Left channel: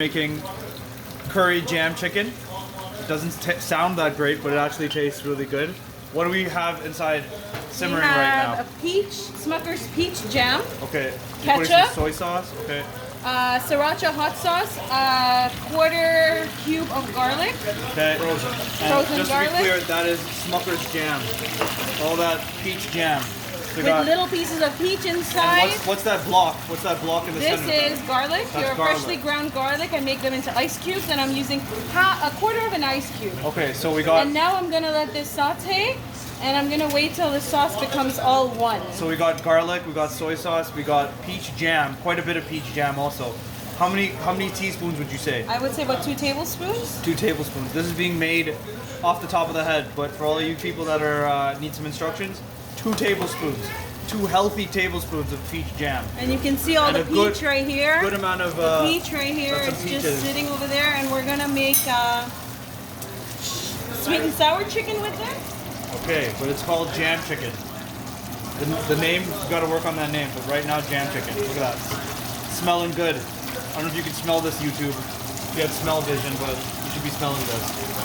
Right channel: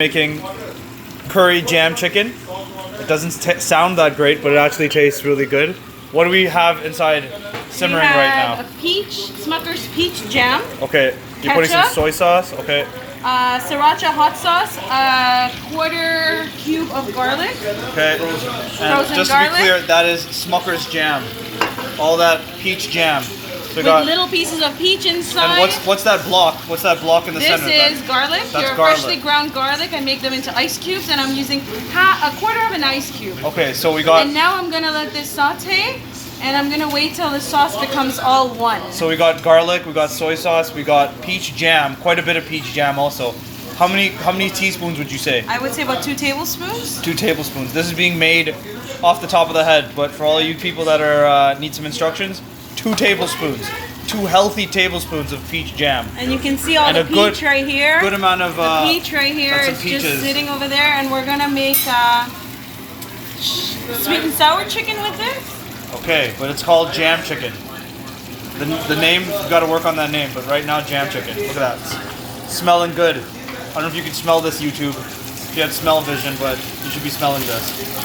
Making curry jam chicken. It doesn't sound that great, but it actually tastes really good. What do we have inside simmering right now? A Smucker's peach jam. Okay, you're putting some soy sauce. Okay. Sriracha hot sauce. A quarter cube of garlic. Okay. And just to be clear, that is Smucker's jam. All that peach jam. So with little pieces of peach inside. And what's that block? What's that block in the center? This is garlic. Your freshly ground garlic. I make them into ice cubes, and I'm using a quarter of an ice cube. Okay, so we got. And now I'm gonna let this saute, and I'm gonna wait till the sauce becomes all one. So we got garlic, we got soy sauce, we got peach jam. Quite a bit of peach jam also. How many teaspoons would you say? I would say about 2 tablespoons. 2 tablespoons. This is being made off the top of the head, but for all you people that are need some instructions. 2 tablespoons, 2 healthy tablespoons of peach jam. And you can see all the peach right here. Good amount of the peach right here is just sitting over there, and we're gonna make sweet and sour chicken with this. Okay, but it's called jam chicken. The name, you got to work on that name, but right now jam chicken. Look at that, smelling good. I don't know if you can smell this, YouTube. If you had smell vision, but you should be smelling this.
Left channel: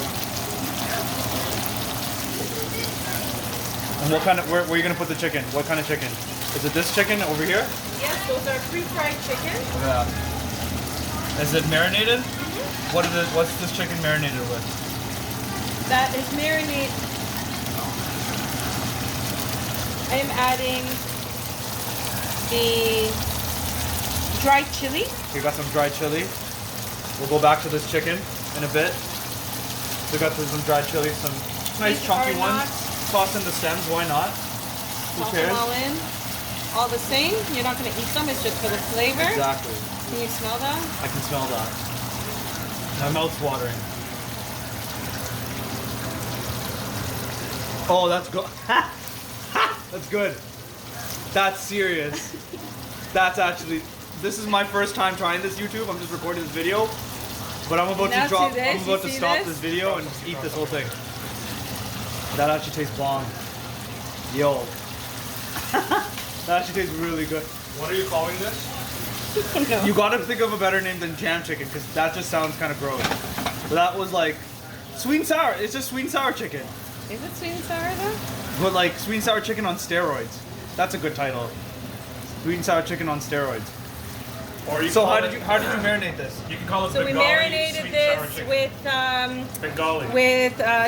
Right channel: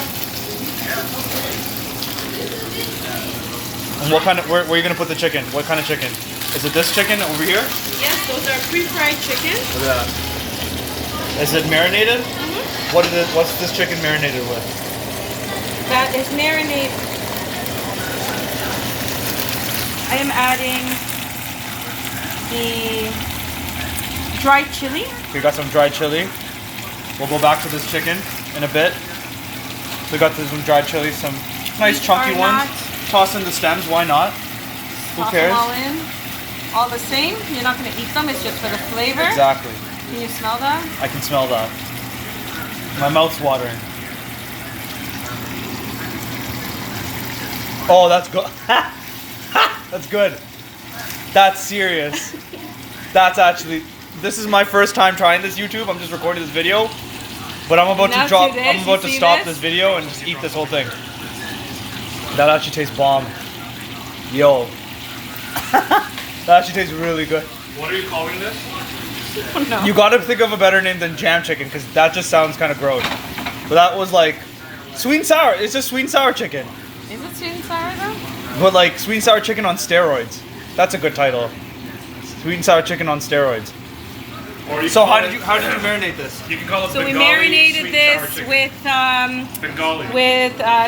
And what kind of, where are you going to put the chicken? What kind of chicken? Is it this chicken over here? Yes, those are pre-fried chicken. Look at that. Is it marinated? Mm-hmm. What's this chicken marinated with? That is marinated. I am adding the dried chili. So we got some dried chili. We'll go back to this chicken in a bit. So we got some dried chili, some nice chunky ones. Toss in the stems, why not? Who cares? Them all in. All the same. You're not going to eat them, it's just for the flavor. Exactly. Can you smell that? I can smell that. My mouth's watering. Oh, that's good. That's good. That's serious. That's actually, this is my first time trying this, YouTube. I'm just recording this video. But I'm about to stop this video and just eat this whole thing. That actually tastes bomb. Yo. That actually tastes really good. What are you calling this? Oh, no. You gotta think of a better name than jam chicken, because that just sounds kind of gross. But that was like sweet and sour. It's just sweet and sour chicken. Is it sweet and sour though? But like sweet and sour chicken on steroids. That's a good title. Sweet and sour chicken on steroids. So how did you marinate this? You can call it So Bengali, we marinated this with Bengali.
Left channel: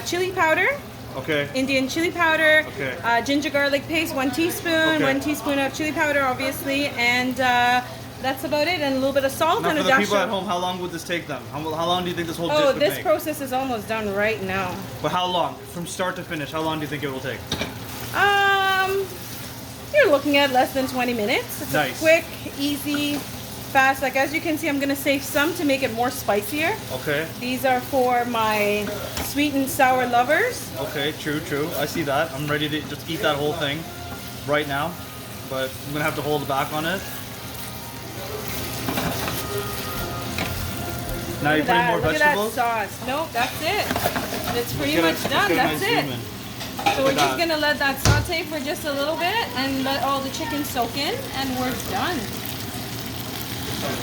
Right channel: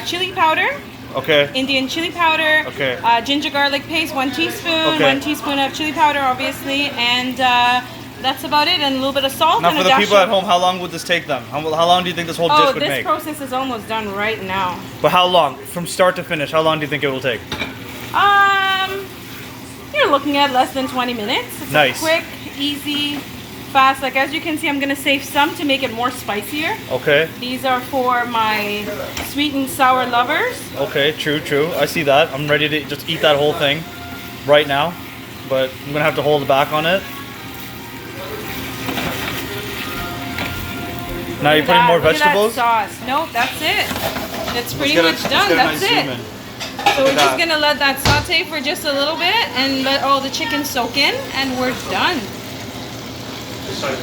Chili powder. Okay. Indian chili powder. Okay. Ginger garlic paste, 1 teaspoon. Okay. 1 teaspoon of chili powder, obviously, and that's about it. And a little bit of salt. Now and for a the dash people of... at home, how long would this take them? How long do you think this whole dish would this make? process is almost done right now. But how long? From start to finish, how long do you think it will take? You're looking at less than 20 minutes. It's nice. A quick, easy, fast. Like as you can see, I'm gonna save some to make it more spicier. Okay. These are for my sweet and sour lovers. Okay, true. I see that. I'm ready to just eat that whole thing right now, but I'm gonna have to hold back on it. Now you're putting more vegetables? Look at that sauce. Nope, that's it. It's pretty much done. That's it. So we're just gonna let that saute for just a little bit and let all the chicken soak in, and we're done. I'm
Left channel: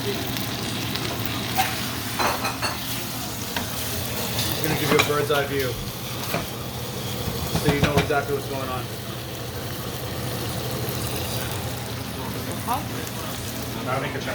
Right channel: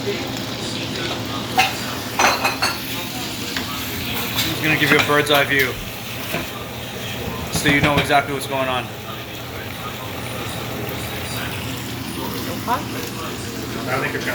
gonna give you a bird's eye view, so you know exactly what's going on. I think it's